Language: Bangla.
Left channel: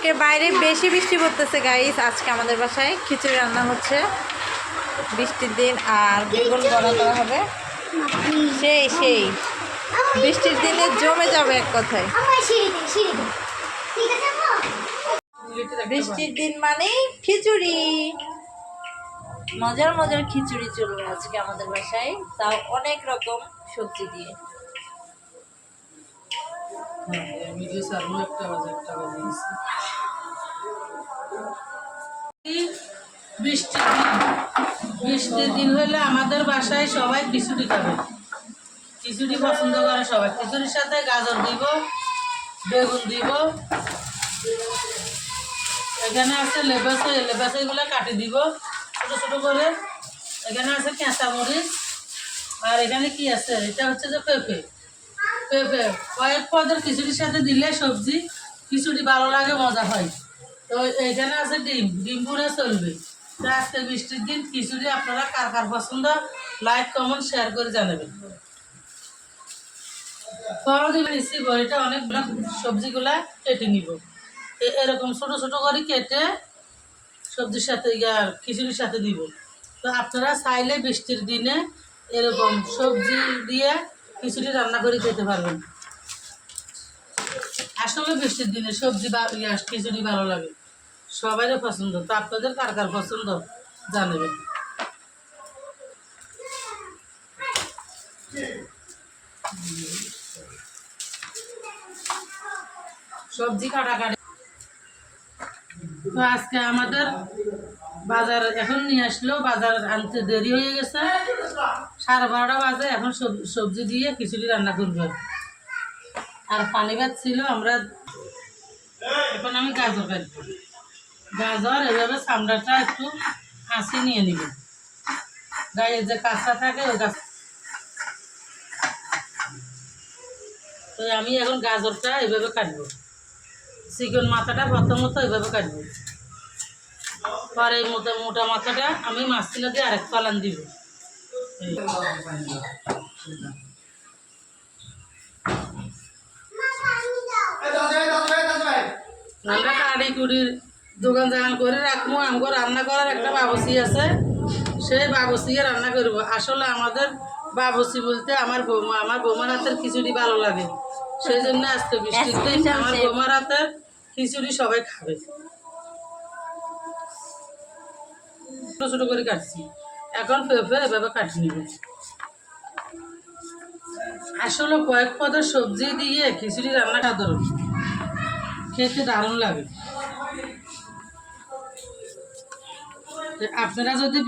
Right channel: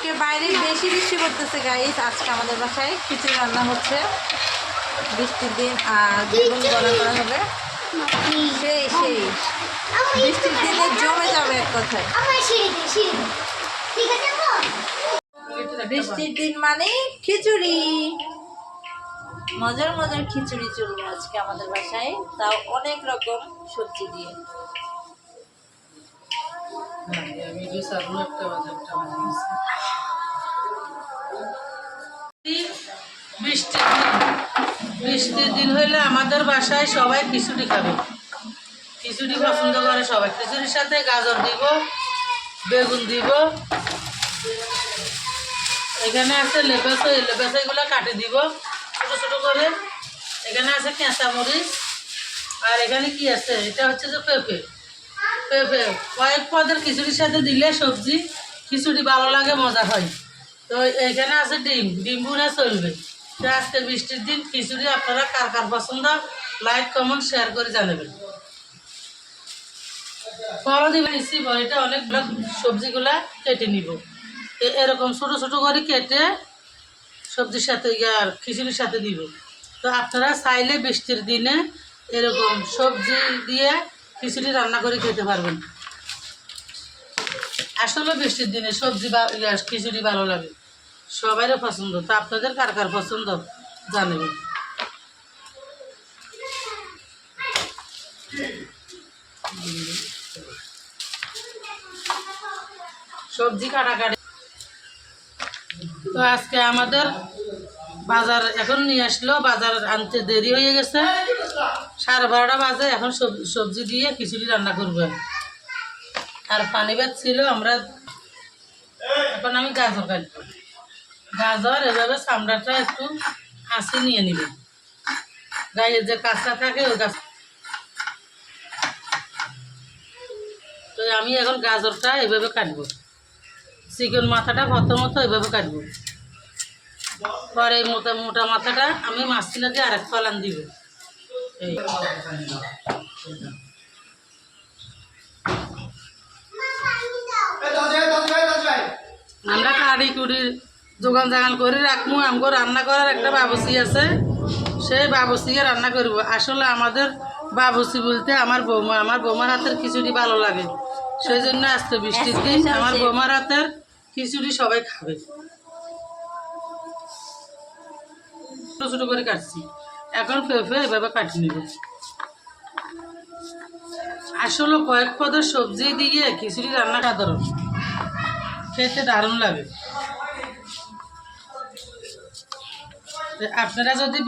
আজকে বাইরে বেশি বৃষ্টি পড়তেছে গাইস। আজকে আমাদের বাসায় খিচুড়ি রান্না হচ্ছে বৃষ্টির দিন, আর বেগুন বড়া করা হবে। সেই সেই বৃষ্টির দিনে জমে যাবে এক কথায়। বৃষ্টির দিন মানে খিচুড়ি, মজার মজার খিচুড়ি চলবে আজকে আমাদের বাসায়, তাও অনেক রকম সবজি দিয়ে। বৃষ্টির দিন হইলে আমাদের বাসায় সবাই খিচুড়ি খাবে। খিচুড়ি পছন্দ করে সবাই। খিচুড়ির সাথে গাজর দিব, বেগুন দিব, এখানে আছে লেবেসা, এই লেবেসাগুলো কাটি দিব ছোটো ছোটো করে। এখানে আছে কাঁচা মরিচ, আর এখানে কি আছে, এটা হচ্ছে যে পেঁপে। পেঁপে কয়েক পদের খিচুড়ির সাথে দিলে সবজি খিচুড়ি ভালো লাগে, মজা হয়। তো এখানে আছে ডিম, ডিম ভুনা চলবে। তো আজকে বৃষ্টির দিন খিচুড়ি আপনারা কার কার পছন্দ লাইক কমেন্ট শেয়ার করে জানাবেন। ফল দিবেন ইসি বড়িটা অনেকগুলো সবজিগুলা কেটে নিব, এরকম ছোটো ছোটো করে কেটে সবজির সাথে আর খিচুড়ির সাথে দিব। তো আপনারা চাইলে বৃষ্টির দিনে এরকম সবজি দিয়ে খিচুড়ি রান্না করে খেতে পারবেন। আসলে বৃষ্টির দিনে সবজি বা খিচুড়ি ভালো লাগে, সবারই পছন্দ। তো আপনাদের কার কার পছন্দ জানাবেন। সবজি কাটাকাটি। তো আজকে আমাদের বাজার এখন নিয়ে আসলো, বাজার আনতে দেরি হয়ে গেছে, 12:30 বাজে। এখন সবজি দিয়ে খিচুড়ি রান্না করবো। আর পানি ভাত ছিল, আমরা এখন আমি গাজর কাটবো। গাজর এভাবে চামড়াটা একটু হাসি নিয়ে নিবে, গায়ে যে কাঁচা থাকে ওই কাঁচা। তো আমি এখন গাজরটা এভাবে কাটবো, চিকেন মাথাটা প্রথমত এভাবে কাটবো। পরে এই মোটা মোটা মাথাটা আমি মাঝখানে দিয়ে আরেক পালান দিব। এই আমরা কাড়ি কুড়ি দোকান জাগান করে রাখবো। আমাকে রান্না করার একটা বাবুসি আছে, সেই বাবুসিকে রান্না করব। আসলে আমাদের বাবুসি বলতে আমার বৌমা, আমার বৌমার হাতের খিচুড়ি ভালো লাগে, সেই জন্য আজকে বৃষ্টির দিন আমার বৌমার হাতের খিচুড়ি সবাই খাবে। ছোটো ছোটো করে কাটছি, এখন পেঁপে এভাবে কাটি নিব। আসলে কয়েক পদের সবজি দিয়ে খিচুড়ি রান্না সাধারণ, খেতে দারুণ লাগে। আপনারা যদি